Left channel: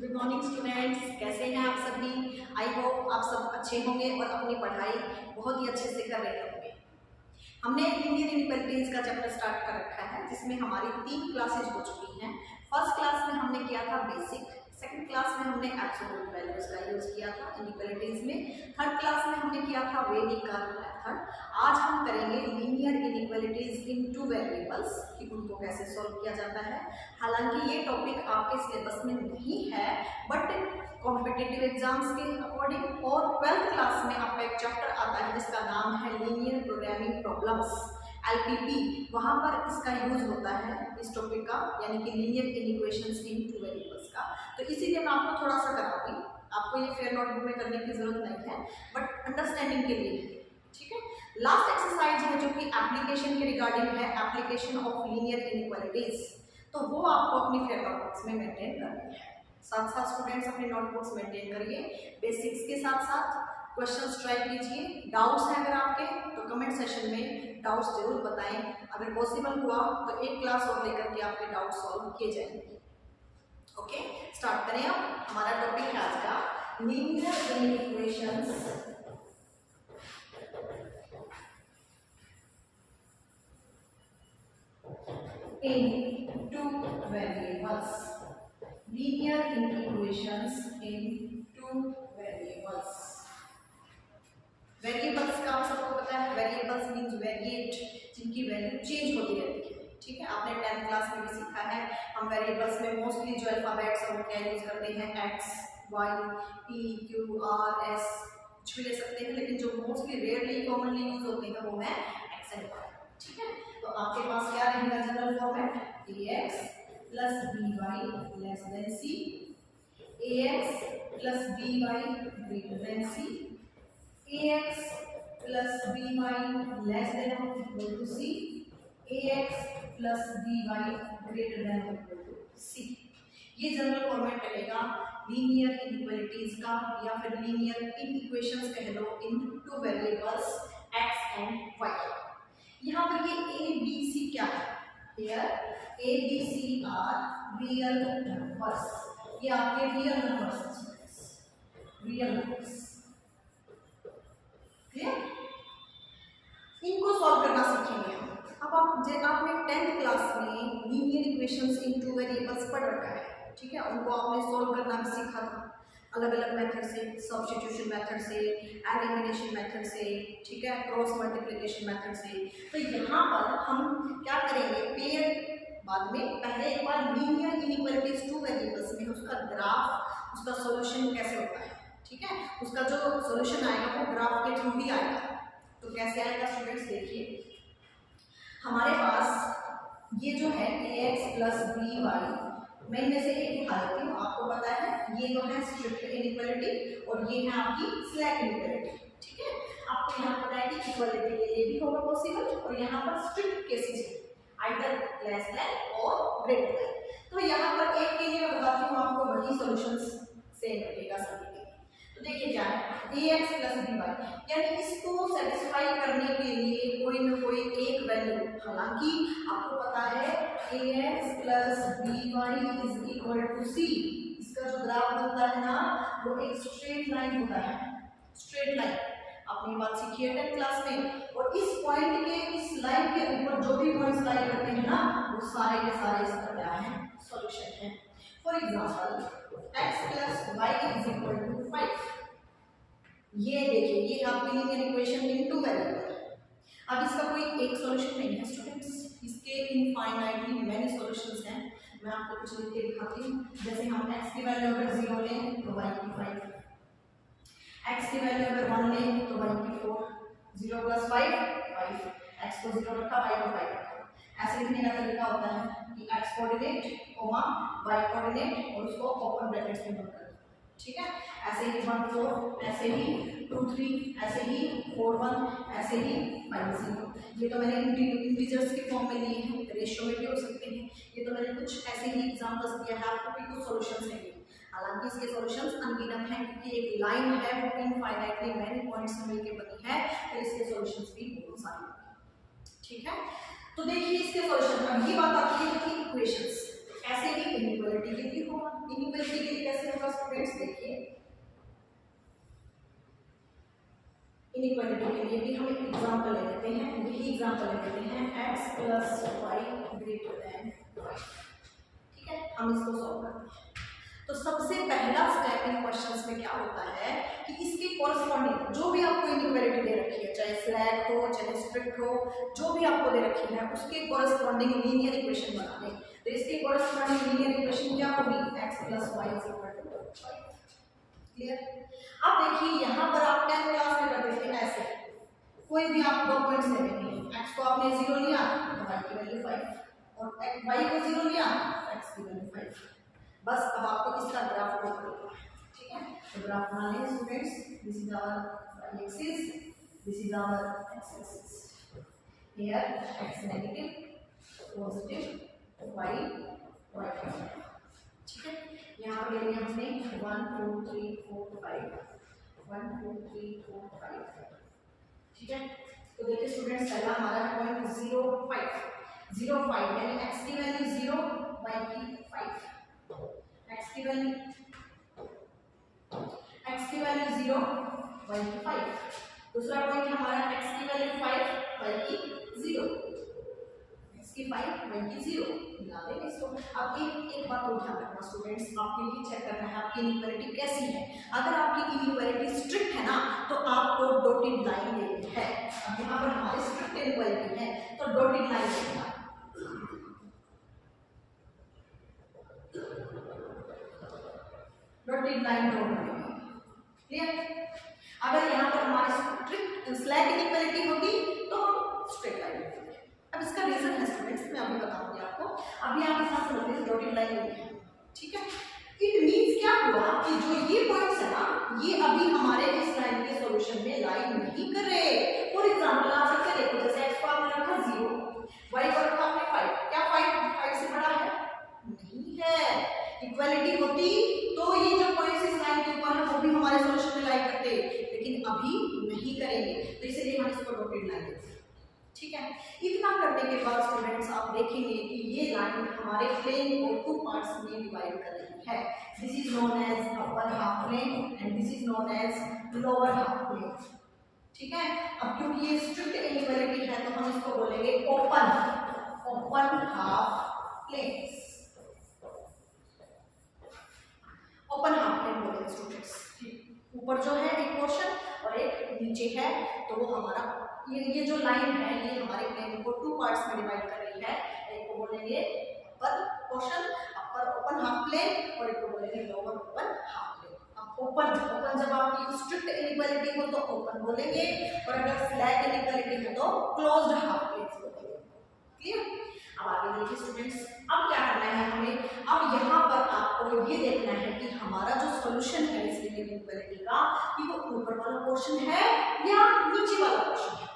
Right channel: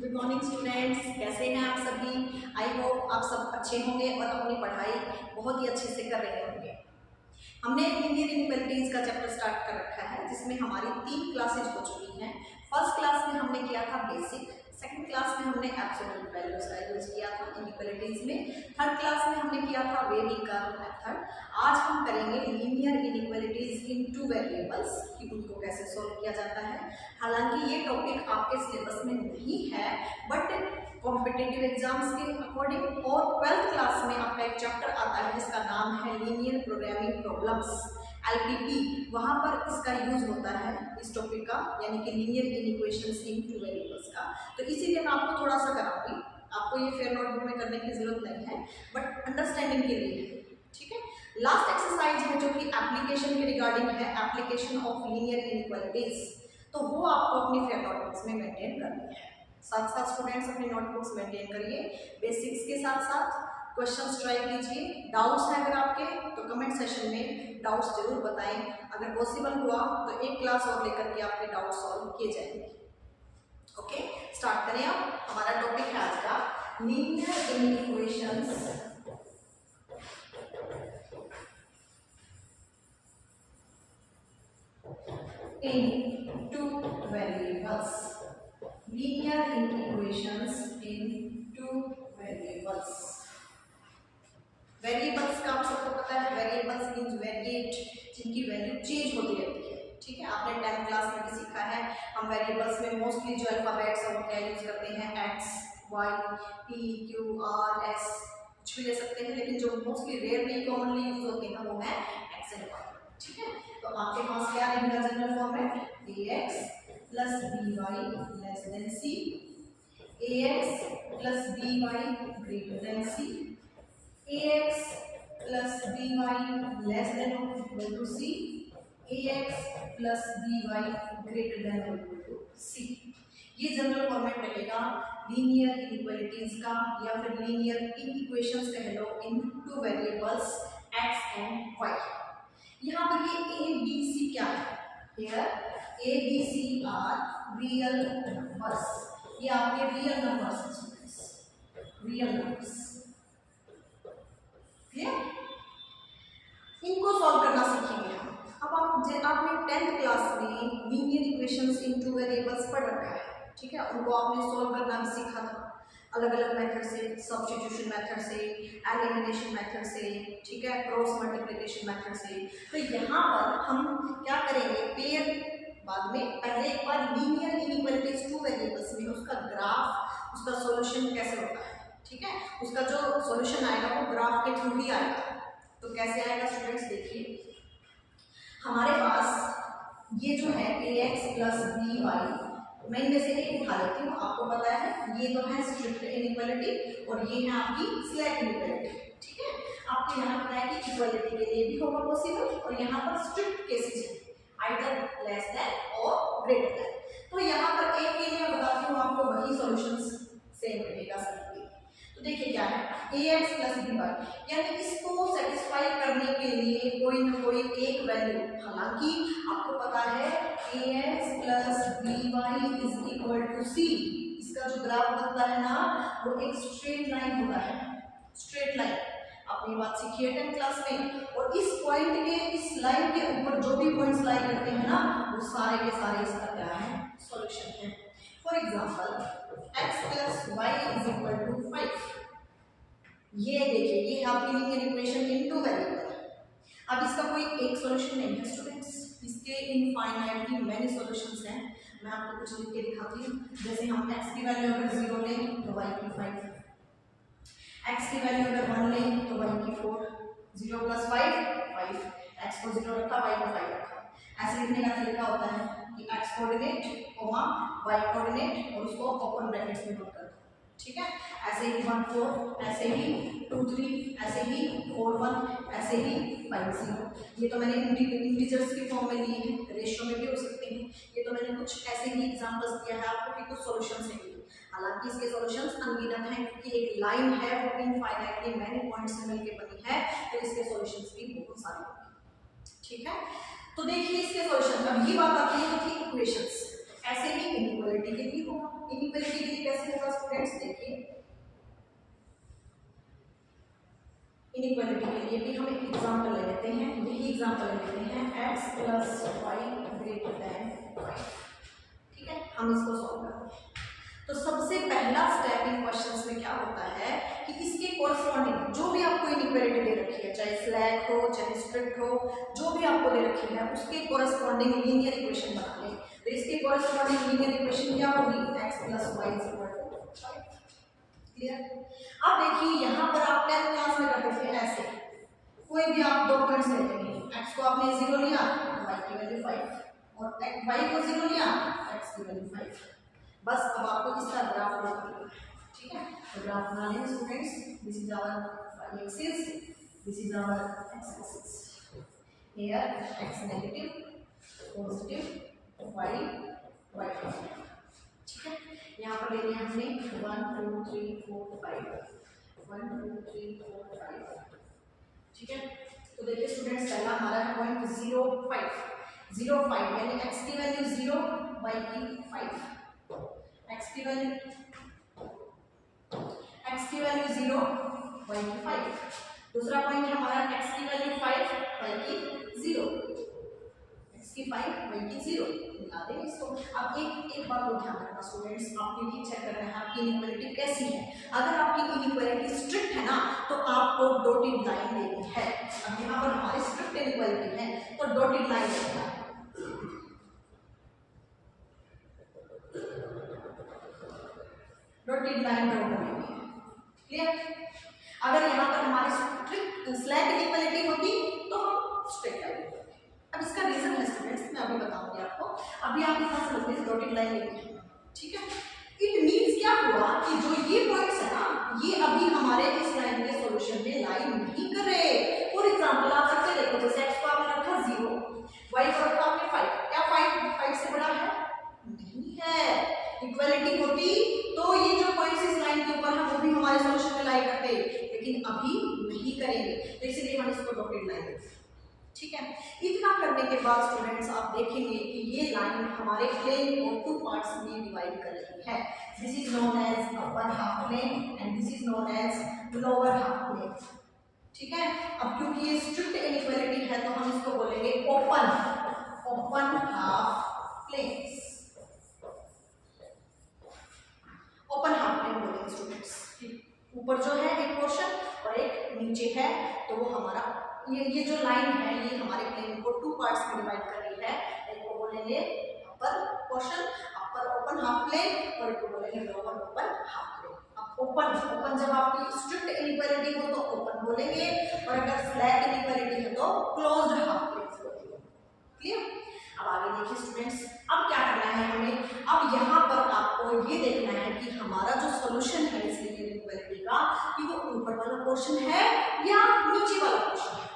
Good morning students, कैसे हैं आप सभी। आई होप आप सब अच्छे होंगे और अपनी पढ़ाई बहुत ही अच्छे से कर रहे होंगे। हमने लीनियर इनइक्वालिटीज का चैप्टर स्टार्ट कर रखा है जिसमें हमारी 3 क्लासेज हो चुकी हैं। फर्स्ट क्लास में हमने किया था बेसिक, सेकंड क्लास में हमने एब्सोल्यूट वैल्यूज का यूज किया था इनइक्वालिटीज में, थर्ड क्लास में हमने किया था वेनी कर्व मेथड। आज हम करेंगे लीनियर इनइक्वालिटीज इन 2 वेरिएबल्स कि उनको कैसे सॉल्व किया जाता है। हालांकि ये टॉपिक आपके सिलेबस में नहीं है, बट कॉम्पिटिटिव एग्जाम्स के अकॉर्डिंग और 12th क्लास में आपका एक चैप्टर आता है जिसका नाम है लीनियर प्रोग्रामिंग प्रॉब्लम्स LPP, वहाँ पर इसका यूज होता है इस टॉपिक का, यानी कि लीनियर इनइक्वेशंस इन 2 वेरिएबल्स का। तो इसीलिए मैं आपको थोड़ा सा कराऊंगी, आपको ये फेयर नोटबुक में करने की जरूरत नहीं है, बट अंडरस्टैंडिंग के लिए है, ठीक है। लास्ट एक्सरसाइज है जो कि एप्लीकेशन के रिगार्डिंग है, एप्लीकेशन ऑफ लीनियर इनइक्वालिटीज, तो वो आपको अपनी फेयर नोटबुक्स में मेंटेन करनी है। साथ साथ स्टूडेंट्स अपनी नोटबुक्स मेंटेन करिए, बेसिक्स के साथ साथ क्वेश्चंस ट्राई कीजिए। डाउट्स हैं अगर आपके तो कमेंट सेशन में डाउट्स जरूर बताएं, अगर पॉसिबल हुआ तो एक क्लास और लेकर के आपके डाउट सॉल्व किए जाएंगे। ओके, स्टार्ट करें। अब हमारा टॉपिक है आज का linear inequations in 2 variables. Linear inequations in 2 variables. Variables का आप सबको पता है, वेरिएबल्स मींस वेरिएट, जिनकी वैल्यू चेंज होती रहती है, ठीक है। आपने 10th क्लास में भी सीखा है। हम वेरिएबल्स में मोस्टली जो अल्फाबेट्स और क्या यूज करते हैं, x, y, p, q, r, s, कुछ भी ले सकते हैं, लेकिन जो मोस्टली रेयरली कॉमनली यूज होते हैं वो है एक्स एंड वाई, ठीक है। तो आपके पास क्या रहेगा general format, ax plus by less than c, ax plus by greater than c, ax plus by less than और equal to c, ax plus by greater than और इक्वल टू c। ये जनरल फॉर्मेट रहेगा linear inequalities का, या फिर linear inequations कह लो in 2 variables x and y। यहाँ पर ये a b c क्या है, here a b c are real numbers, ये आपके real numbers, real numbers, clear. इनको सॉल्व करना सीखेंगे हम। अब आपने 10th क्लास में लीनियर इक्वेशंस इन 2 वेरिएबल्स पढ़ रखा है, ठीक है। उनको आपने सॉल्व करना भी सीखा था अलग अलग मेथड से, सब्स्टिट्यूशन मेथड से, एलिमिनेशन मेथड से, ठीक है, क्रॉस मल्टीप्लिकेशन मेथड से। तो यहाँ पर हम क्या करेंगे, पेयर बाद में, पहले एक बार लीनियर इनइक्वालिटीज 2 वेरिएबल्स में उसका ग्राफ, उसका सॉल्यूशन कैसे होता है, ठीक है। उसका जो सॉल्यूशन आएगा वो ग्राफ के थ्रू ही आएगा। तो कैसे आएगा स्टूडेंट्स, देखिए हमारे पास ये जो है ax प्लस by, मैं इनमें से एक उठा लेती हूँ, आपको पता है ये तो है स्ट्रिक्ट इनइक्वालिटी और ये है आपकी स्लैक इनइक्वालिटी, ठीक है। आपको यहाँ पता है कि इक्वालिटी के लिए भी होगा पॉसिबल, और यहाँ पर स्ट्रिक्ट केसेस है, आइदर लेस देन और ग्रेटर देन। तो यहाँ पर एक के लिए मैं बताती हूँ आपको, वही सॉल्यूशंस सेम रहेगा सभी के लिए। तो देखिए क्या है, ax प्लस by, यानी इसको सेटिस्फाई करने के लिए कोई ना कोई एक वैल्यू, हालांकि आपको पता है ax plus by is equal to c, इसका जो ग्राफ बनता है ना वो एक स्ट्रेट लाइन होता है, स्ट्रेट लाइन। आपने बात सीखी है 10th क्लास में, और इस पॉइंट के, इस लाइन के ऊपर जो भी पॉइंट्स लाई करते हैं ना वो सारे के सारे इसका क्या है, सॉल्यूशन है। For example x plus y is equal to 5, ये देखिए ये आपकी लीनियर इक्वेशन इन 2 वेरिएबल। अब इसका कोई एक सॉल्यूशन नहीं है स्टूडेंट्स, इसके इनफाइनाइटली मैनी सॉल्यूशंस हैं। मैं आपको कुछ लिख के दिखाती हूँ, जैसे हम x की वैल्यू अगर 0 लें तो y की 5, x की वैल्यू अगर 1 लें तो y की 4, 0 प्लस 5 5, x को 0 रखा, y को 5 रखा। ऐसे लिखने का तरीका होता है कि x coordinate comma y coordinate और उसको ओपन ब्रैकेट्स में पुट कर दो, ठीक है। ऐसे ही 1 4, ऐसे ही 2 3, ऐसे ही 4 1, ऐसे ही 5 0। ये तो मैंने इंटीजर्स के फॉर्म में लिए हैं, रेशियो में भी हो सकते हैं। ये तो मैंने कुछ ऐसे ही एग्जांपल्स दिया है आपको कि कुछ सॉल्यूशंस हैं, हालांकि इसके सॉल्यूशंस अनगिनत हैं क्योंकि एक लाइन है वो इनफाइनाइटली मैनी पॉइंट्स से मिलकर बनी है, तो इसके सॉल्यूशंस भी बहुत सारे होंगे, ठीक है। तो देखिए इसके सॉल्यूशन, अब ये बात आती है कि इक्वेशंस, ऐसे ही इनइक्वालिटी के लिए होगा। इनइक्वालिटी के लिए कैसे इनइक्वालिटी के लिए भी हम एक एग्जांपल ले लेते हैं, यही एग्जांपल ले लेते हैं x plus y greater than 5। ठीक है, हम इसको सॉल्व करते हैं। तो सबसे पहला स्टेप इन क्वेश्चंस में क्या होता है कि इसके कॉरस्पॉन्डिंग जो भी आपको इनइक्वालिटी दे रखी है, चाहे स्लैक हो चाहे स्ट्रिक्ट हो, जो भी आपको दे रखी है उसके कॉरस्पॉन्डिंग लीनियर इक्वेशन बना लें। तो इसके कॉरस्पॉन्डिंग लीनियर इक्वेशन क्या होगी, x plus y equal to 5। Clear. अब देखिए यहाँ पर आप 10th क्लास में करते थे ऐसे, कोई भी आप दो पॉइंट्स ले लेंगे, x को आपने 0 लिया तो y की वैल्यू 5 और y को 0 लिया x की वैल्यू 5। बस अब आपको इसका ग्राफ ड्रॉ करना है। ठीक है, तो ग्राफ बना लें students. This is our y axis, this is our x axis. Here x negative, positive, y ठीक है। यहाँ पर लेंगे हमने 1 2 3 4 5, 1 2 3 4 5। ठीक है, तो देखिए स्टूडेंट्स पहला हमारा है पॉइंट 0 5 यानी x की वैल्यू 0 y की 5, x की वैल्यू 0 y की 5। दूसरा पॉइंट हमारा x की वैल्यू 5 y की 0, x की 5 y की 0 मिला देंगे इसको। अब एक बात को ध्यान रखना स्टूडेंट्स, आपको ये चेक करना है आपकी इनइक्वालिटी कैसी है। अगर आपकी इनइक्वालिटी स्ट्रिक्ट है ना तो आपको डॉटेड लाइन लेनी है। अब यहाँ पर हमारी स्ट्रिक्ट इनइक्वालिटी है तो डॉटेड लाइन लेना है। डॉटेड लाइन ड्रॉ करनी है। क्लियर। अगर यहाँ पर हमारी स्ट्रिक्ट स्लैक इनइक्वालिटी होती तो हम स्ट्रिक्ट लाइन लेते। अब इसका रीजन है स्टूडेंट्स, मैं अभी बताऊंगी आपको। अभी आप इतना समझ लीजिए डॉटेड लाइन लेनी है। ठीक है, इट मींस क्या हुआ कि जो ये पॉइंट्स है ना ये अभी हमारे इस लाइन के सॉल्यूशन में लाइन नहीं कर रहे। फॉर एग्जांपल आप रख के देखो, जैसे x को आपने रखा 0, y को रखा आपने 5, क्या 5 से बड़ा है? नहीं है। इक्वालिटी होती तो ये जो पॉइंट्स इस लाइन के ऊपर है वो भी हमारे सॉल्यूशन में लाई करते, लेकिन अभी नहीं करेंगे, तो इसलिए हम इसको डॉटेड लाइन देते हैं। ठीक है, इतना करने के बाद स्टूडेंट्स आप देखेंगे कि ये लाइन हमारे प्लेन को 2 पार्ट्स में डिवाइड कर रही है। This is known as upper half plane and this is known as lower half plane. ठीक है, अब क्योंकि ये स्ट्रिक्ट इनइक्वालिटी है तो हम इसको बोलेंगे open half planes. Open half plane बोलेंगे स्टूडेंट्स। ऊपर जो है एक पोर्शन और एक नीचे है, तो वो हमारा ये जो लाइन है ये हमारे प्लेन को 2 पार्ट्स में डिवाइड कर रही है। एक को बोलेंगे अपर पोर्शन, अपर ओपन हाफ प्लेन, और एक को बोलेंगे लोअर ओपन हाफ प्लेन। अब ओपन जब आपकी स्ट्रिक्ट इनइक्वालिटी हो तो ओपन बोलेंगे, और अगर स्लैक इनइक्वालिटी है तो क्लोज्ड हाफ प्लेन्स बोलेंगे। क्लियर। अब आगे देखिए स्टूडेंट्स, अब क्या करना है हमें, अब यहाँ पर आपको ये देखना है कि हमारा जो सॉल्यूशन है इस लीनियर इनइक्वालिटी का कि वो ऊपर वाला पोर्शन है या नीचे वाला पोर्शन है।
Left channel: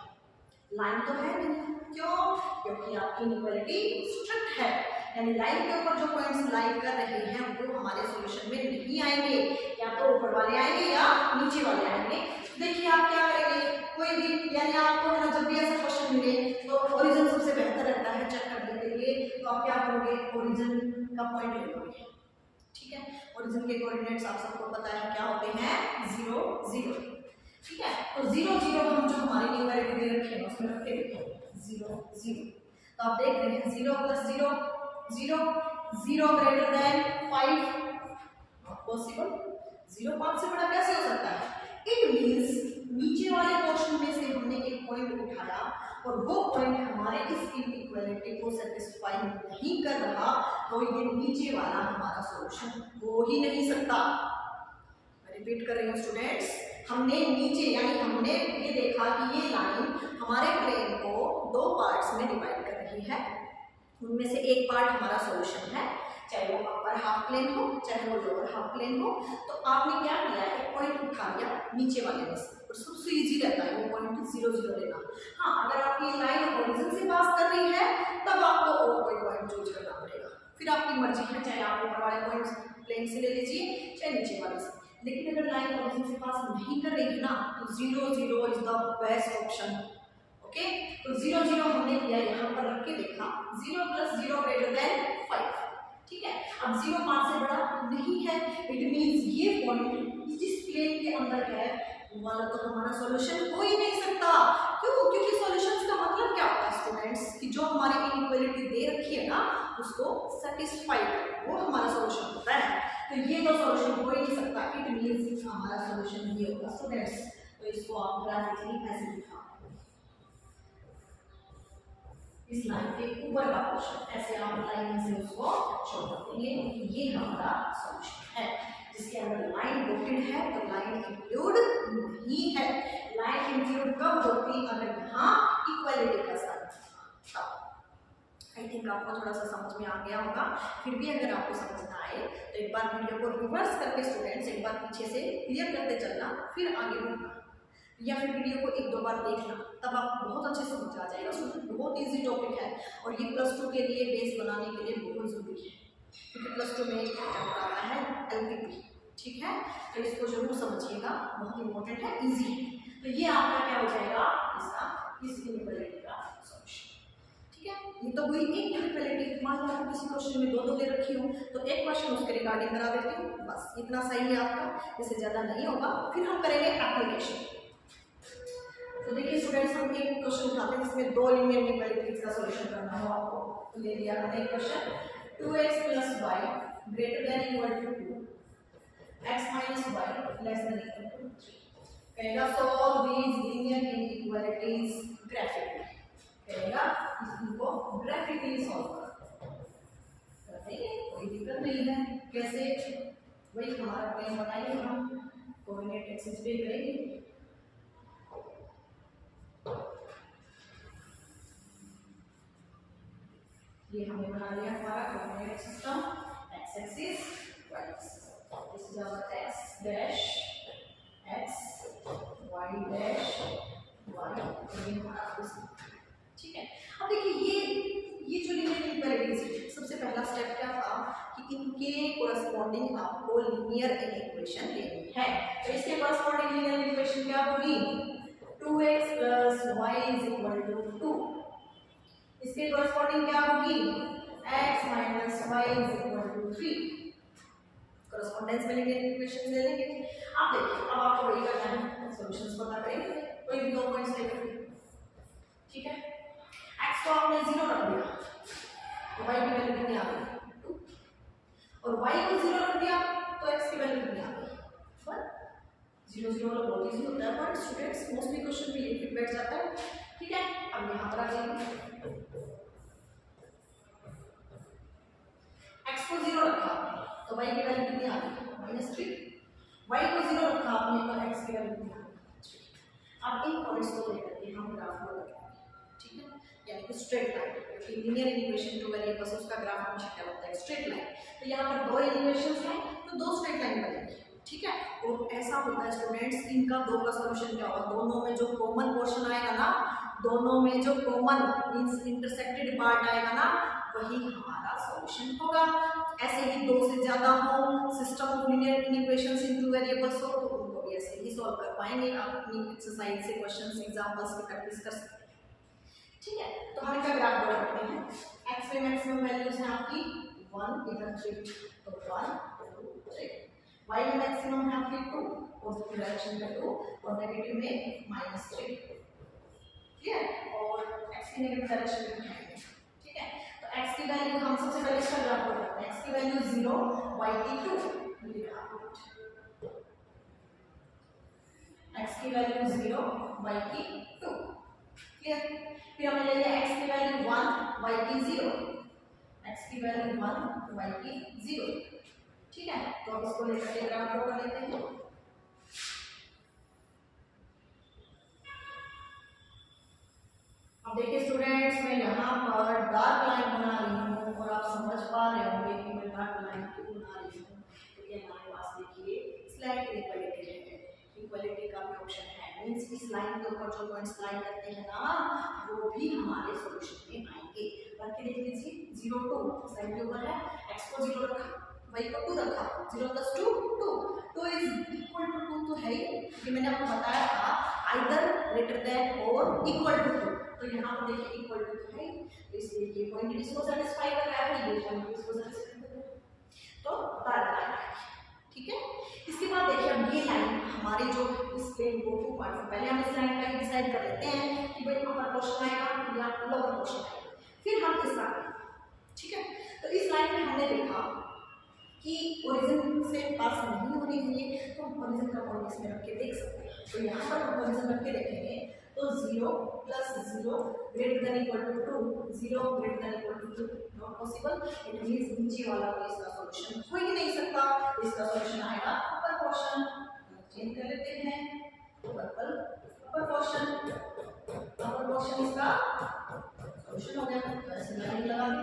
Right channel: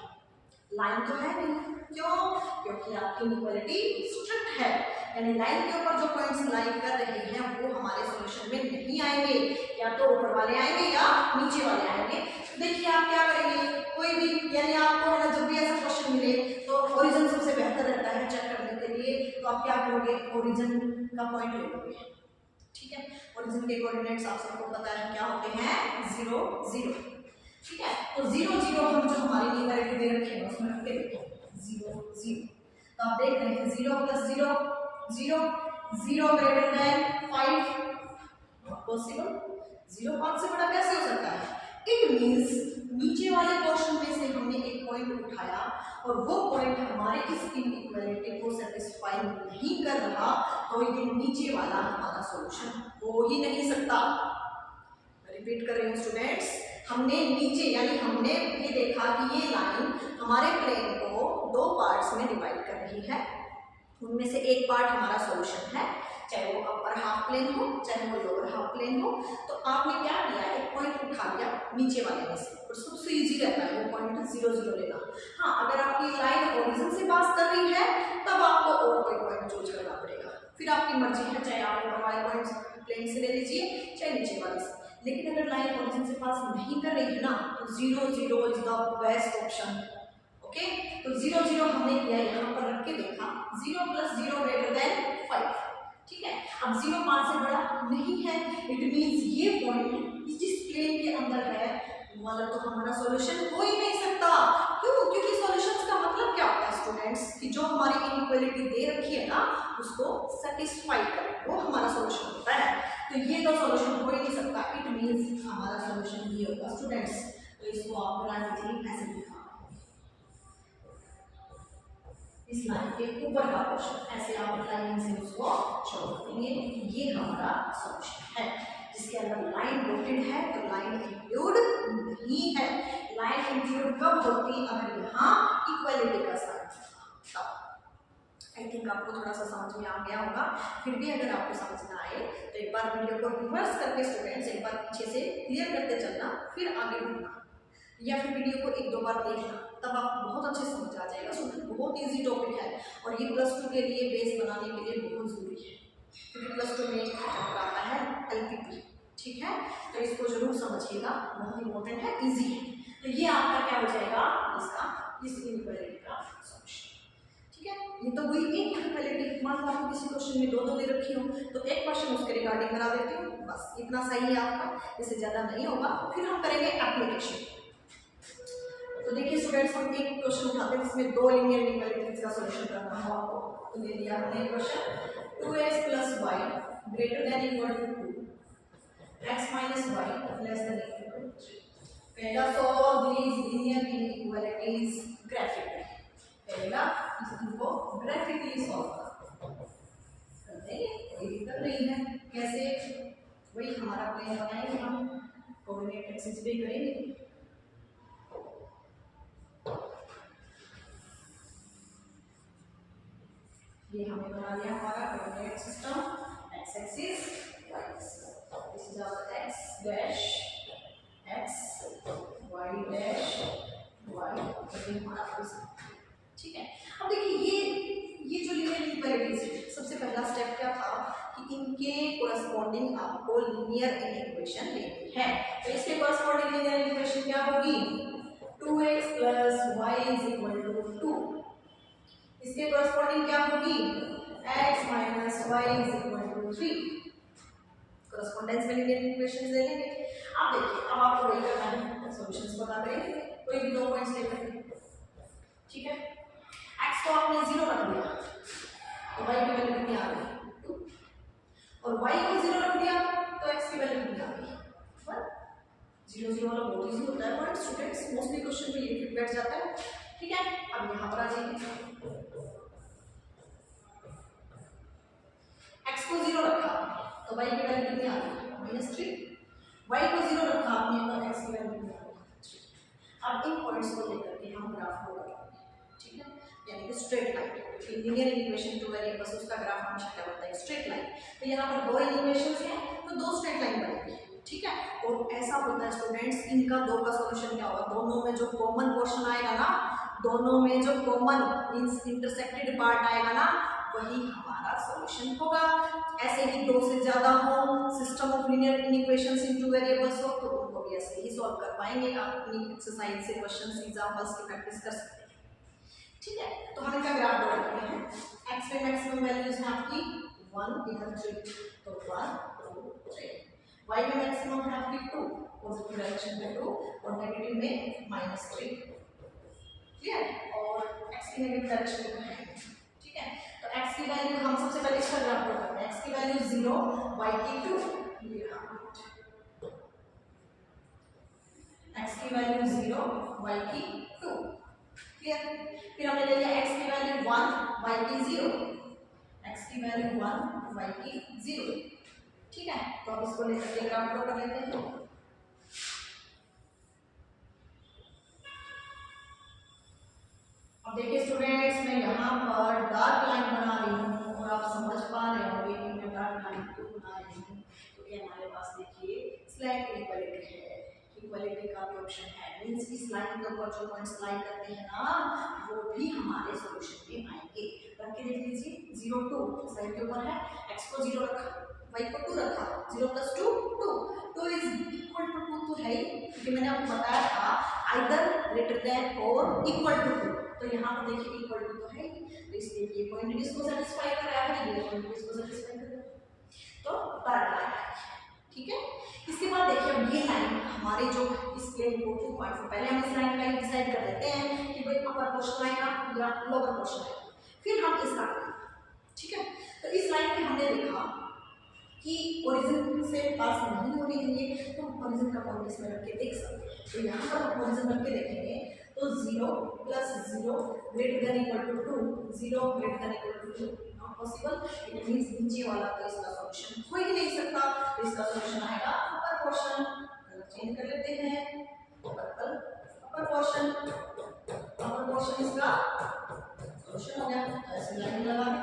लाइन तो है नहीं, क्यों? क्योंकि आपकी इनइक्वालिटी स्ट्रिक्ट है, यानी लाइन के ऊपर जो पॉइंट्स लाई कर रहे हैं वो हमारे सॉल्यूशन में नहीं आएंगे, या तो ऊपर वाले आएंगे या नीचे वाले आएंगे। देखिए आप क्या करेंगे, कोई भी यानी आपको है ना जब भी ऐसा क्वेश्चन मिले तो ओरिजिन सबसे बेहतर रहता है चेक करने के लिए, तो आप क्या करोगे, ओरिजिन का पॉइंट ले लोगे। ठीक है, ओरिजिन के कोऑर्डिनेट्स आप सबको पता है क्या होते हैं, 0 0। ठीक है, तो 0 0 हम जो हमारी इनइक्वालिटी दे रखी है उसमें रख के देखें 0 0। तो आप देख रहे हैं 0 + 0 0, 0 ग्रेटर देन 5 नॉट पॉसिबल। 0 5 से बड़ा कैसे हो सकता है? इट मींस नीचे वाले पोर्शन में से हमने एक पॉइंट उठाया और वो पॉइंट हमारे इस इनइक्वालिटी को सेटिस्फाई नहीं कर रहा, तो ये नीचे वाला हमारा सॉल्यूशन हो ही नहीं सकता। मैं रिपीट कर रही हूँ स्टूडेंट्स, हमने नीचे यानी हमने ये देखा कि ये लाइन हमारे प्लेन को 2 पार्ट्स में डिवाइड कर रही है, उनमें से एक पार्ट हमारा सॉल्यूशन है, चाहे वो अपर हाफ प्लेन हो चाहे वो लोअर हाफ प्लेन हो। तो आपने क्या किया, एक पॉइंट उठा लिया नीचे वाले में से, और सबसे इजी रहता है वो पॉइंट 0 0 लेना। हाँ, अगर आपकी लाइन ओरिजिन से पास कर रही है तब आपको और कोई पॉइंट चूज करना पड़ेगा, फिर आपकी मर्जी है, चाहे आप ऊपर वाले पॉइंट प्लेन से ले लीजिए चाहे नीचे वाले से। लेकिन अगर लाइन ओरिजिन से पास नहीं कर रही है ना तो 0 0 is the best option. Okay, तो 0 0 हमने किया, यहाँ पर रख के देखा 0 + 0 ग्रेटर देन 5। ठीक है, अब 0 5 से बड़ा नहीं है, इट मींस ये पॉइंट जिस प्लेन के अंदर है वाला तो हमारा सॉल्यूशन हो ही नहीं सकता। क्यों? क्योंकि सॉल्यूशंस का मतलब क्या होता है स्टूडेंट्स, कि जो हमारी इनइक्वालिटी दे रखी है ना उसको सेटिस्फाई करें, वो हमारा सॉल्यूशन होता है। तो ये तो सॉल्यूशन हो ही नहीं सकता, इट मींस हमारा सॉल्यूशन ये होगा स्टूडेंट्स। तो इसको आप ग्राफिकली ऐसे दिखा, इस लाइन के ऊपर का पोर्शन ऐसे आप लाइन से उसको शो कर देंगे, ये हमारा सॉल्यूशन है। जिसके अंदर लाइन डॉटेड है तो लाइन इंक्लूड नहीं है। लाइन इंक्लूड कब होती? अगर यहाँ इक्वालिटी का साइन था। आई थिंक आपको थोड़ा सा समझ में आ गया होगा। फिर भी अगर आपको समझ ना आए तो एक बार वीडियो को रिवर्स करके स्टूडेंट्स एक बार पीछे से क्लियर करते चलना, फिर आगे बढ़ना, या फिर वीडियो को एक दो बार देखना, तब आपको बहुत अच्छे समझ आ जाएगा। स्टूडेंट बहुत इजी टॉपिक है और ये +2 के लिए बेस बनाने के लिए बहुत ज़रूरी है, क्योंकि +2 में एक चैप्टर आता है LPP, ठीक है। तो इसको जरूर समझिएगा, बहुत इंपॉर्टेंट है, इजी है। तो ये आपका क्या हो जाएगा? इसका इस इनइक्वालिटी का सॉल्यूशन, ठीक है। ये तो हुई एक इनइक्वालिटी। मान लो आपको किसी क्वेश्चन में दो दे रखी हो तो एक क्वेश्चन उसके रिगार्डिंग करा देती हूँ, बस इतना सही है आपका, इससे ज़्यादा नहीं होगा। फिर हम करेंगे एप्लीकेशन। तो देखिए स्टूडेंट्स, हम एक क्वेश्चन उठाते हैं जिसमें दो लीनियर इनइक्वालिटीज का सॉल्यूशन करना हो आपको। तो ले लिया हमने question, 2x + y greater than equal to 2, x - y less than equal to 3। कहेगा solve these linear inequalities graphically. कहेगा इसको ग्राफिकली सॉल्व कर देंगे, कोई दिक्कत नहीं है। कैसे? वही हमारा प्लान बताएंगे, हम कोऑर्डिनेट एक्सिस पे करेंगे। ये हमने बना लिया हमारा coordinate system, x axis, y axis. This is our x dash x, y dash y, ये हमारा सिस्टम, ठीक है। अब देखिए ये जो लीनियर इनइक्वालिटीज, सबसे पहला स्टेप क्या था कि इनके कोरस्पॉन्डिंग आपको लीनियर इक्वेशन लेनी है। तो इसके कोरस्पॉन्डिंग लीनियर इक्वेशन क्या होगी? 2x + y = 2। इसके कोरस्पॉन्डिंग क्या होगी? x - y = 3। कोरस्पॉन्डेंस में लीनियर इक्वेशंस ले लेंगे। अब देखिए, अब आपको वही करना है, सॉल्यूशंस पता करेंगे कोई भी दो पॉइंट्स लेकर, ठीक है। x को आपने 0 रख दिया तो y की वैल्यू कितनी आ गई? 2, और y को 0 रख दिया तो x की वैल्यू कितनी आ गई? 1। 0 0 वाला बहुत इजी होता है पॉइंट स्टूडेंट्स, मोस्टली क्वेश्चन में ये फिट बैठ जाता है, ठीक है। अब यहाँ पर आ जाइए, x को 0 रखा तो y की वैल्यू कितनी आ गई? -3। y को 0 रखा आपने तो x की वैल्यू कितनी आ गई? 3। अब इन पॉइंट्स को लेकर के हम ग्राफ ड्रॉ करेंगे, ठीक है, यानी कि स्ट्रेट लाइन। क्योंकि लीनियर इक्वेशन टू वेरिएबल्स, उसका ग्राफ हमेशा क्या होता है? Straight line. तो यहाँ पर दो इक्वेशंस हैं तो दो स्ट्रेट लाइन बनेगी, ठीक है। और ऐसा होता है स्टूडेंट्स, इनका दो का सॉल्यूशन क्या होगा? दोनों में जो कॉमन पोर्शन आएगा ना, दोनों में जो कॉमन मींस इंटरसेक्टेड पार्ट आएगा ना, वही हमारा सॉल्यूशन होगा। ऐसे ही दो से ज्यादा हो, system of linear equations in two variables हो, तो उनको भी ऐसे ही सॉल्व कर पाएंगे। आप अपनी एक्सरसाइज से क्वेश्चंस, एग्जांपल्स की प्रैक्टिस कर सकते हैं, ठीक है। तो हम इनका ग्राफ ड्रॉ करते हैं। x पे मैक्सिमम वैल्यूज है आपकी 1, इधर 3, तो 1 2 3। y में मैक्सिमम है आपकी 2, पॉजिटिव डायरेक्शन में 2 और नेगेटिव में -3, क्लियर। और x की नेगेटिव डायरेक्शन में है, ठीक है। तो x की वैल्यू हम सबसे पहले इसका ग्राफ ड्रॉ करते हैं। x की वैल्यू 0, y की 2, ये रहा। x की वैल्यू 0, y की 2, क्लियर। फिर हमने ले लिया x की वैल्यू 1, y की 0, x की वैल्यू 1, y की 0, ठीक है। तो अब इसको लेकर के ग्राफ ड्रॉ कर लेते हैं। अब देखिए स्टूडेंट्स, मैं यहाँ पर डार्क लाइन बना रही हूँ और आप समझ पा रहे होंगे कि मैं डार्क लाइन क्यों बना रही हूँ, क्योंकि हमारे पास देखिए स्लाइड इक्वालिटी है, इक्वालिटी का भी ऑप्शन है, मींस इस लाइन के ऊपर जो पॉइंट्स लाई करते हैं ना, वो भी हमारे सॉल्यूशन में आएंगे। करके देख लीजिए, 0 2 स्लाइड के ऊपर है, x को 0 रखा, y को 2 रखा, 0 + 2 2, 2 इज इक्वल टू 2 तो है ही, क्योंकि मैंने आपको बताया था आइदर ग्रेटर देन और इक्वल टू 2, तो यहाँ पर देखिए इक्वल टू तो है, तो इसलिए ये पॉइंट इसको सेटिस्फाई कर रहा है, ये पॉइंट इसको सेटिस्फाई कर रहा है, तो डार्क लाइन, ठीक है। इसके बाद देखिए अब ये लाइन हमारे जो इस इसलिए इनको 2 पॉइंट्स पहले हम इस लाइन का ही डिसाइड कर लेते हैं कि भाई अपर पोर्शन आएगा या लोअर पोर्शन आएगा, फिर हम इसका करेंगे। ठीक है, तो इस लाइन में हमने देखा कि ओरिजिन से पास नहीं होनी चाहिए, तो हम ओरिजिन का पॉइंट इसमें रख के देख सकते हैं। तो यहाँ पर हम ओरिजिन रख के देखेंगे तो 0 + 0 greater than equal to 2, 0 greater than equal to 2 not possible. It means नीचे वाला तो इसका सॉल्यूशन हो ही नहीं सकता, तो इसका सॉल्यूशन आएगा अपर पोर्शन। चेंज कर लेते हैं, पर्पल अपर पोर्शन इसका सॉल्यूशन हो गया। तो ऐसे लाइन लगा दें।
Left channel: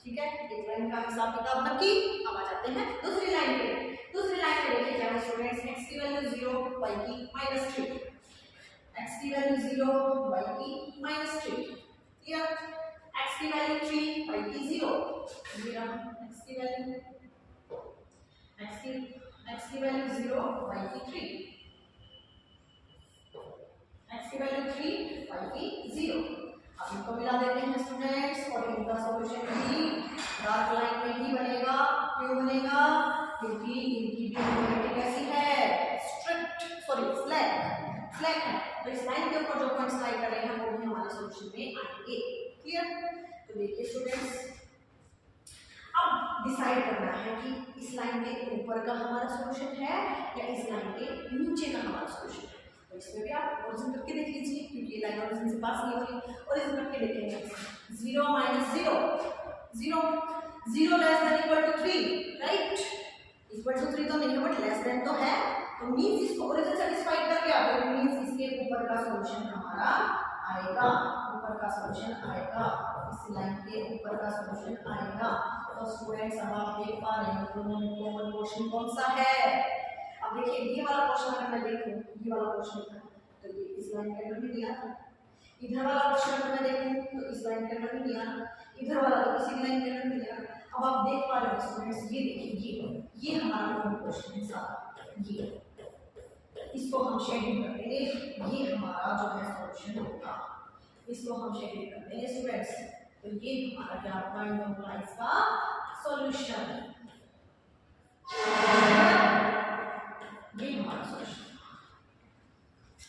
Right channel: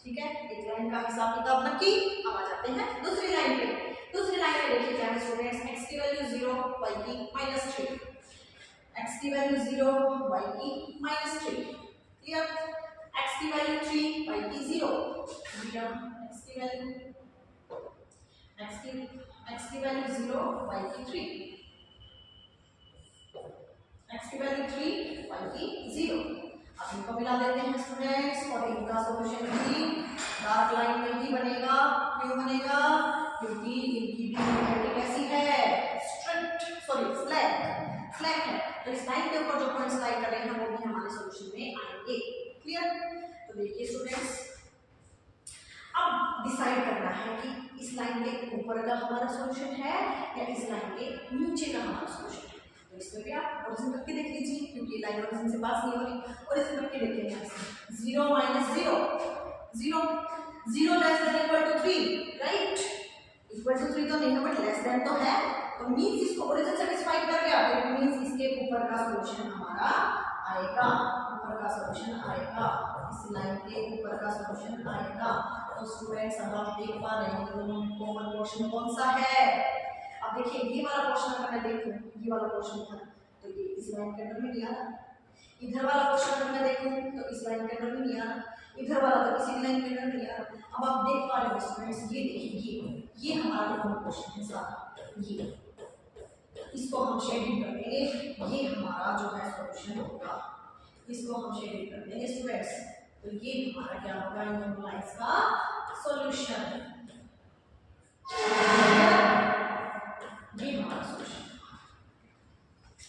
ठीक है, एक लाइन का हिसाब किताब रखी। अब आ जाते हैं दूसरी लाइन पे। दूसरी लाइन में देखिए क्या है स्टूडेंट्स, x की वैल्यू 0, y की -3, x की वैल्यू 0, y की -3। क्लियर, x की वैल्यू 3, y की 0। x की वैल्यू 0, y की 3, x की वैल्यू 3, y की 0। अब इनको मिला देते हैं स्टूडेंट्स और इनका सॉल्यूशन भी डार्क लाइन में ही बनेगा। क्यों बनेगा? क्योंकि इनकी ड्यूरेबिलिटी कैसी है, स्लैक है। तो इस लाइन के ऊपर जो पॉइंट्स लाई कर रहे हैं वो भी हमारे सॉल्यूशन में आएंगे। क्लियर, तो देखिए स्टूडेंट्स, अब डिसाइड करना है कि इस लाइन के ऊपर का हमारा सॉल्यूशन है या इस लाइन के नीचे का हमारा सॉल्यूशन है। तो इसमें भी आप ओरिजिन करके देख लीजिए, क्योंकि ये लाइन ओरिजिन से पास नहीं हो रही। ओरिजिन करके देखेंगे, 0 - 0, 0 less than equal to 3, right? Equal to 3 तो नहीं है बट लेस देन तो है, तो मींस इसको ओरिजिन सेटिस्फाई कर गया, तो मींस इसके ऊपर का सॉल्यूशन हमारा आएगा। ऊपर का सॉल्यूशन आएगा, इस लाइन के ऊपर का सॉल्यूशन आएगा। तो स्टूडेंट्स अब आप देख पा रहे हैं दोनों में कॉमन पोर्शन कौन सा है। अब देखिए ये वाला पोर्शन अगर मैं देखूं, ये वाला पोर्शन था तो ये इस लाइन के अंदर में नहीं आ रहा। इधर वाला पोर्शन अगर मैं देखूं तो इस लाइन के अंदर में नहीं आ रहा। इधर वाला तो किसी लाइन के अंदर नहीं आ रहा। अब आप देख पा रहे हो स्टूडेंट्स, ये देखिए ये हमारा कॉमन पोर्शन है सारा, ये इसको हम शेडिंग कर देंगे। ये हमारा जो है सॉल्यूशन होगा, इसको हम शेडिंग कर देंगे स्टूडेंट्स। तो ये हमारा क्या होगा, इन दोनों लाइंस का सॉल्यूशन। ये हमारा सॉल्यूशन।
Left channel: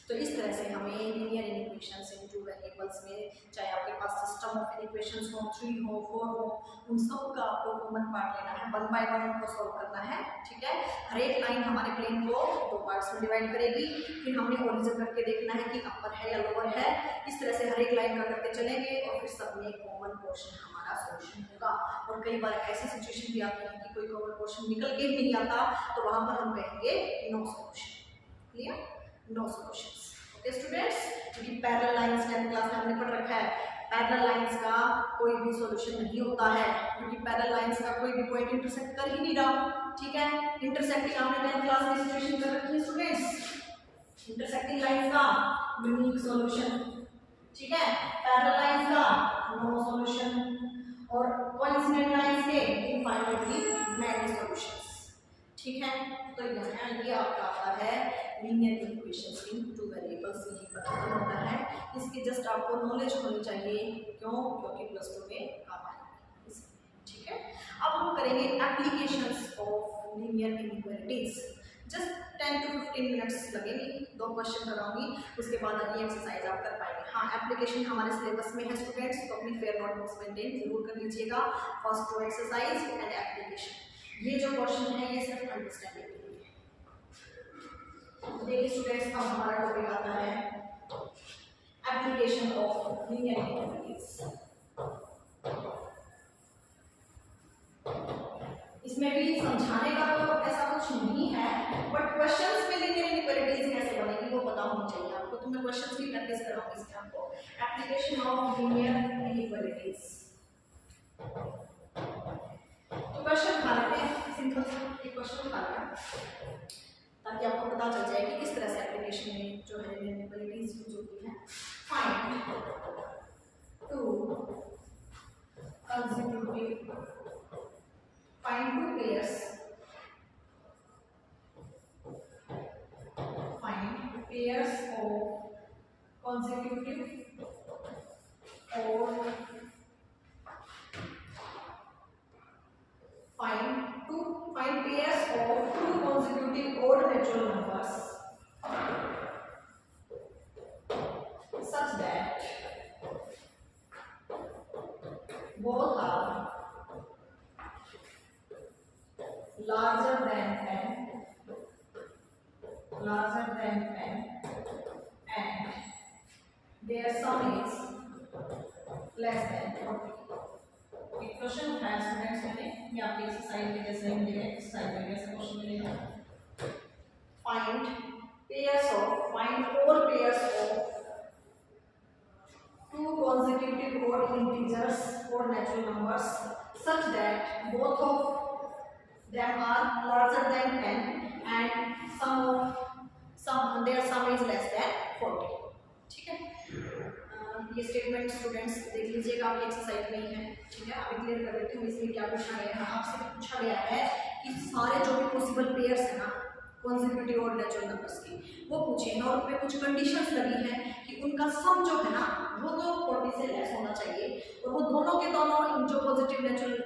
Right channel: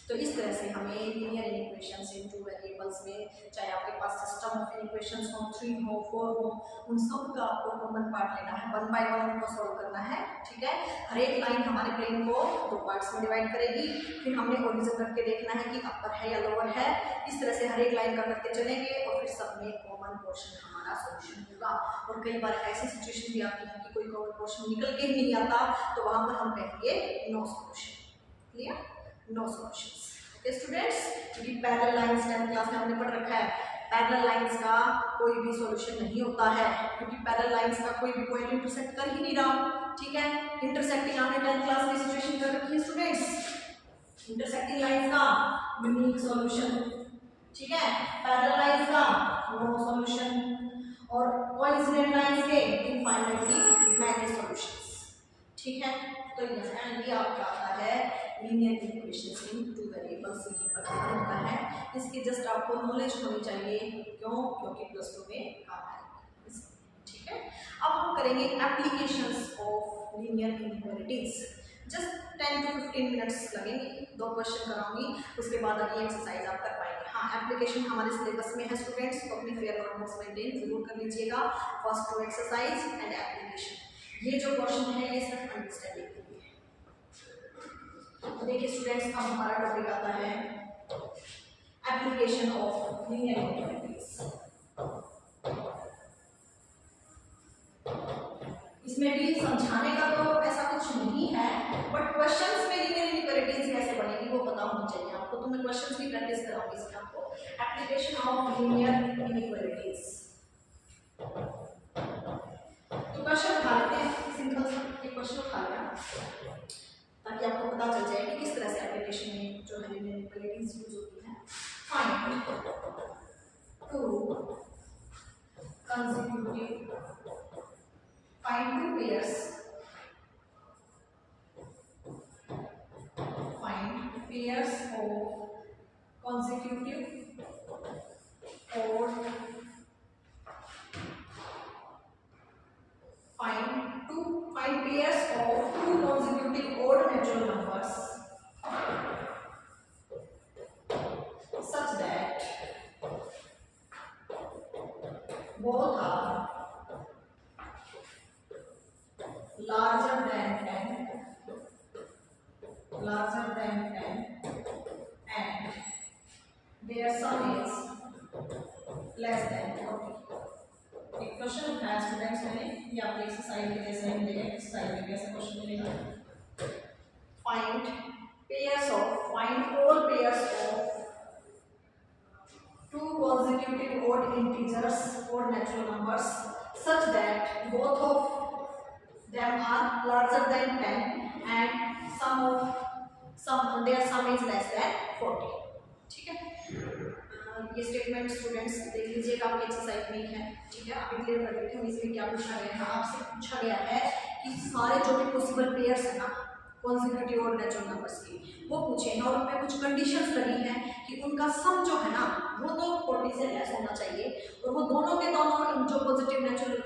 तो इस तरह से हमें लीनियर इक्वेशंस इन टू वेरिएबल्स में, चाहे आपके पास सिस्टम ऑफ इक्वेशंस हो, 3 हो, 4 हो, उन सब का आपको कॉमन पार्ट लेना है, 1 बाय 1 उनको सॉल्व करना है। ठीक है, हर एक लाइन हमारे प्लेन को 2 पार्ट्स में डिवाइड करेगी। फिर हमने ओरिजिन करके देखना है कि अपर है या लोअर है। इस तरह से हर एक लाइन का करते चलेंगे और फिर सब में कॉमन पोर्शन हमारा सॉल्यूशन होगा। और कई बार ऐसी सिचुएशन भी आती है कि कोई कॉमन पोर्शन निकल के नहीं आता, तो वहां पर हम कहेंगे no solution. Clear, no solutions. Okay students, क्योंकि पैरेलल लाइंस 10th क्लास में हमने पढ़ रखा है, पैरेलल लाइंस का कोई भी सॉल्यूशन नहीं होता है, क्योंकि पैरेलल लाइंस का कोई भी पॉइंट इंटरसेक्ट कर ही नहीं रहा। ठीक है, इंटरसेक्टिंग आपने 10th क्लास में सिचुएशन कर रखी है स्टूडेंट्स, इंटरसेक्टिंग लाइंस का यूनिक सॉल्यूशन। ठीक है, पैरेलल लाइंस का नो सॉल्यूशन और कोइंसिडेंट लाइंस के इनफाइनाइटली मैनी सॉल्यूशंस। ठीक है, तो यहाँ ये आपका आता है लीनियर इक्वेशंस इन टू वेरिएबल्स, ये पता होता है। इसकी जस्ट आपको नॉलेज होनी चाहिए, क्यों? क्योंकि +2 में काम आएगी। ठीक है, अब हम करेंगे applications of linear inequalities. Just 10 to 15 minutes लगेंगे, 2 क्वेश्चन कराऊंगी, उसके बाद ये एक्सरसाइज आप कर पाएंगे। हाँ, एप्लीकेशन हमारे सिलेबस में है स्टूडेंट्स, तो अपनी फेयर नोटबुक्स मेंटेन जरूर कर लीजिएगा। First 2 exercise and application. ये जो क्वेश्चन है ये सिर्फ अंडरस्टैंडिंग के लिए है। तो देखिए स्टूडेंट्स, अब हमारा टॉपिक आता है एप्लीकेशन ऑफ लीनियर इनइक्वालिटीज। इसमें भी समझाने का तो ऐसा कुछ नहीं है, बट क्वेश्चंस में लीनियर इनइक्वालिटीज कैसे बनेगी वो पता होनी चाहिए आपको। तो मैं क्वेश्चंस भी प्रैक्टिस कराऊंगी इसमें आपको। एप्लीकेशन ऑफ लीनियर इनइक्वालिटीज, तो क्वेश्चन उठा लेते हैं, सिंपल एक क्वेश्चन उठा लें ताकि आपको पता चल जाए कि किस तरह से एप्लीकेशन में जो है इनइक्वालिटीज यूज होती है। Find 2 consecutive, find 2 pairs, find pairs of consecutive odd, find pairs of 2 consecutive odd natural numbers larger than 10, larger than 10, and their sum is less than 40. एक क्वेश्चन उठाया स्टूडेंट्स मैंने, ये आपके एक्सरसाइज के जैसे ही मिलेगा, एक्सरसाइज में कैसा क्वेश्चन मिलेगा, find all pairs of two consecutive odd integers or natural numbers such that both of them are larger than 10 and their sum is less than 40. ठीक है, ये स्टेटमेंट स्टूडेंट्स देख लीजिएगा, आपकी एक्सरसाइज में ही है। ठीक है, अभी क्लियर कर देती हूँ इसमें क्या पूछा गया है। आपसे पूछा गया है कि सारे जो भी पॉसिबल पेयर्स है ना कॉन्जिक्यूटिव और नेचुरल नंबर्स की, वो पूछे हैं और उसमें कुछ कंडीशंस लगी हैं कि उनका सम जो है ना वो तो 40 से लेस होना चाहिए, और वो दोनों के दोनों जो पॉजिटिव नेचुरल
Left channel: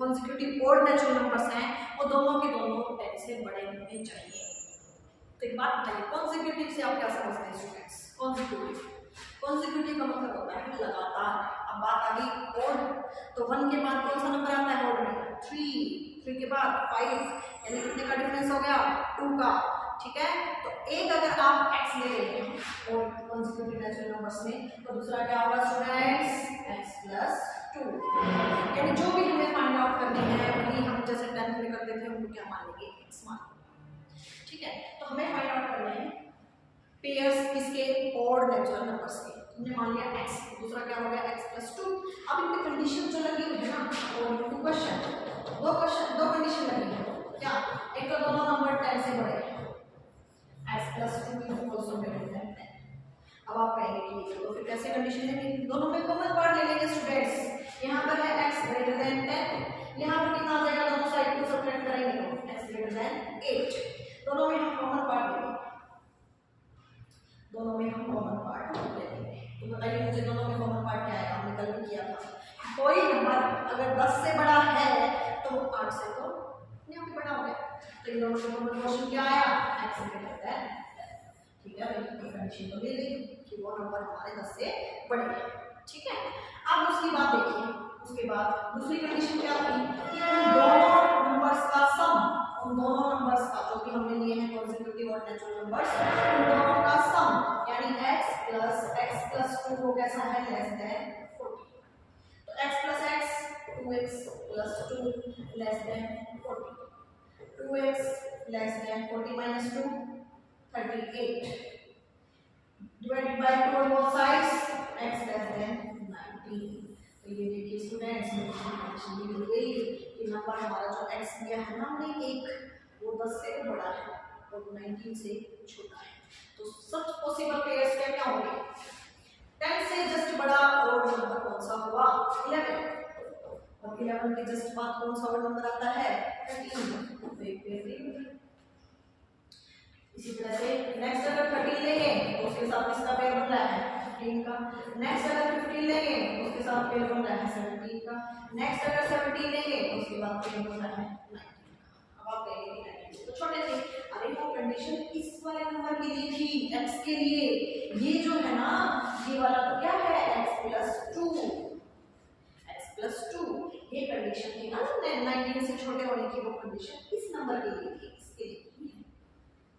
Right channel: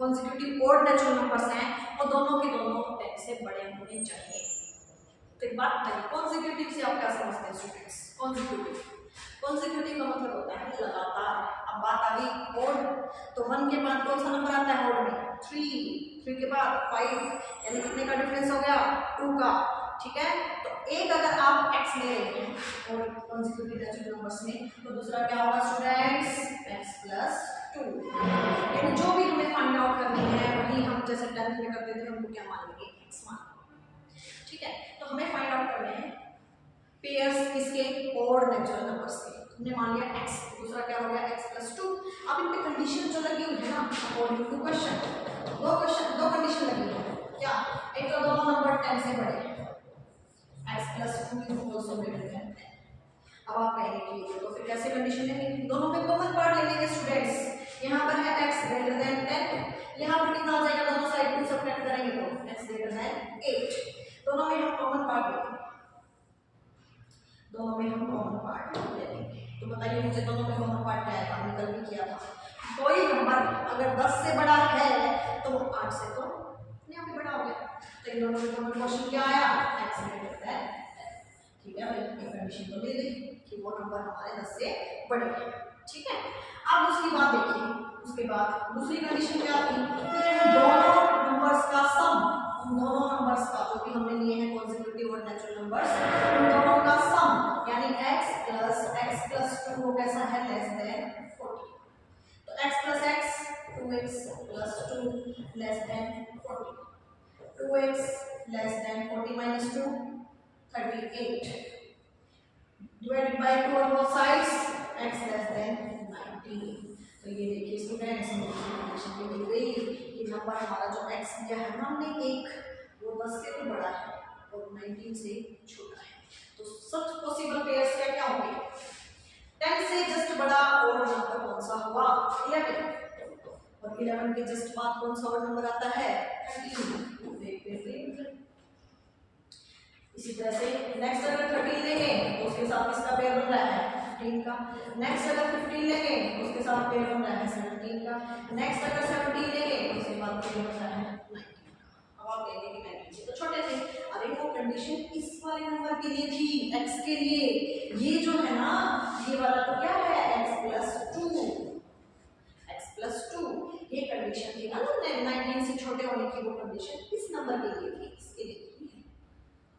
कॉन्जिक्यूटिव और नेचुरल नंबर्स हैं वो दोनों के दोनों 10 से बड़े होने चाहिए। तो एक बात बताइए, कॉन्जिक्यूटिव से आप क्या समझते हैं स्टूडेंट्स? कॉन्जिक्यूटिव का मतलब होता है लगातार। अब बात आ गई ओड, तो 1 के बाद कौन सा नंबर आता है ओड में? 3 के बाद 5, यानी कितने का डिफरेंस हो गया? 2 का। ठीक है, तो एक अगर आप x ले रहे हैं और कॉन्जिक्यूटिव नेचुरल नंबर्स में, तो दूसरा क्या होगा स्टूडेंट्स? x plus 2। यानी जो भी हमें फाइंड आउट करनी है वही हम जैसे 10th में करते थे उनको क्या मान लेंगे? x मान। ठीक है, तो हमें फाइंड आउट करने हैं पेयर्स इसके और नेचुरल नंबर्स के। हमने मान लिया x, दूसरा क्या हो गया? x plus 2। अब इन पे कंडीशन जो लगी हुई है ना, अकॉर्डिंग टू क्वेश्चन, दो कंडीशन लगी है। क्या? एक तो दोनों नंबर 10 से बड़े हैं, x plus 2 is also greater than 10। अब आप कहेंगे कि तो फिर कैसे कंडीशन है? दोनों में कॉमन पार्ट ले लेंगे स्टूडेंट्स। यहाँ पर है x ग्रेटर देन 10, यहाँ पर कितना आ जाएगा? दोनों साइड 2 सब्ट्रैक्ट करेंगे तो x ग्रेटर देन 8। दोनों में हम कॉमन पार्ट लेंगे, दोनों में हम कॉमन पार्ट लेंगे। तो बताइए मुझे दोनों में कॉमन पार्ट क्या आएगा? हमने कल भी किया था, कोई नंबर अगर 10 से बड़ा है तो वो 8 से तो यहाँ पे बड़ा हो गया। तो इन दोनों में कॉमन क्वेश्चन क्या आया? x greater than 10। ठीक है भाई, ये कंडीशन तो मिल गई कि वो नंबर हमारे 10 से बड़े हैं। ठीक है, अब उसकी बात देखिए, उसके बाद दूसरी कंडीशन क्या थी? दोनों नंबर्स का सम, उन दोनों नंबर्स का जो भी हमने लिए हैं कॉन्जिक्यूटिव और नेचुरल नंबर्स, उन दोनों का सम यानी x प्लस 2 वो कैसा है? Less than 40। तो x plus x 2x plus 2 less than 40, 2x less than 40 minus 2 38 divided by 2 on both sides, x less than 19। तो ये देखिए स्टूडेंट्स, कंडीशन भी मिल गई कि नंबर हमारा जो x दिया है ना हमने एक, वो 10 से भी बड़ा है और 19 से छोटा है। तो सच पॉसिबल पेयर्स क्या होंगे? 10 से जस्ट बड़ा और नंबर कौन सा हुआ? 11, और 11 के जस्ट बाद कौन सा और नंबर आता है? 13। इसी तरह से नेक्स्ट अगर 13 लेंगे तो उसके साथ इसका पेयर बन रहा है 15 का। नेक्स्ट अगर 15 लेंगे तो उसके साथ पेयर बन रहा है 17 का। नेक्स्ट अगर 17 लेंगे तो उसके बाद पेयर बन रहा है 19 का। अब आप कहेंगे कि 19 से तो छोटे थे। अरे वो कंडीशन इस वाले नंबर के लिए थी, x के लिए। ये जो है ना, ये वाला तो क्या है? x plus 2। ये कंडीशन थी ना 19 से छोटे होने की, वो कंडीशन इस नंबर के लिए थी, इसके लिए थी।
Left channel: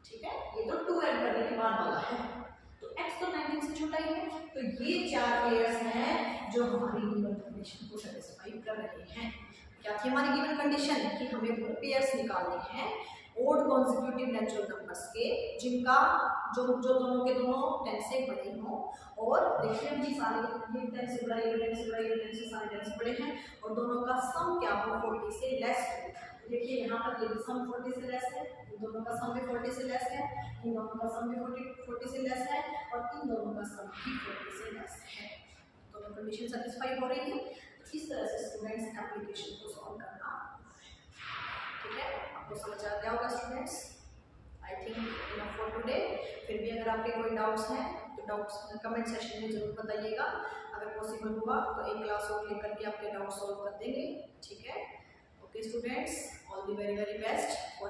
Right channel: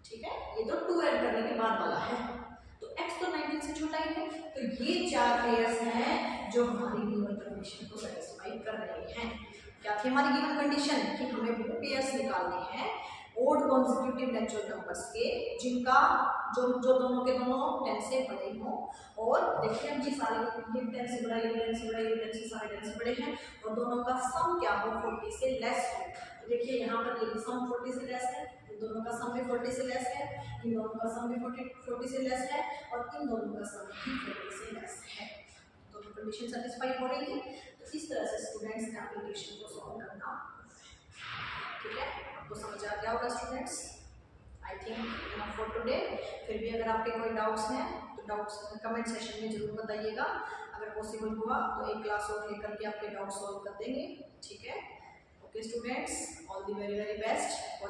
ठीक है, ये तो 2 ऐड करने के बाद वाला है, तो x तो 19 से छोटा ही है। तो ये 4 पेयर्स हैं जो हमारी गिवन कंडीशन को सेटिस्फाई कर रहे हैं। क्या थी हमारी गिवन कंडीशन? कि हमें वो पेयर्स निकालने हैं ओड कॉन्जिक्यूटिव नेचुरल नंबर्स के जिनका जो दोनों के दोनों 10 से बड़े हों। और देखिए हम जी सारे ये 10 से बड़ा, ये 10 से बड़ा, ये 10 से सारे 10 से बड़े हैं, और दोनों का सम क्या हो? 40 से लेस हो। देखिए यहाँ पर ये भी सम 40 से लेस है, इन दोनों का सम भी 40 से लेस है, इन दोनों का सम भी 40 से लेस है, और इन दोनों का सम भी 40 से लेस है। दोनों कंडीशन सेटिस्फाई हो रही है। तो इस तरह से स्टूडेंट्स एप्लीकेशन को सॉल्व करना। ठीक है, आपको समझ आ गया होगा students. I think enough for today. फिर भी अगर आपके कोई डाउट्स हैं तो डाउट्स कमेंट सेशन में जरूर बताइएगा। अगर पॉसिबल हुआ तो एक क्लास और लेकर के आपके डाउट सॉल्व कर देंगे। ठीक है, okay students, all the very very best.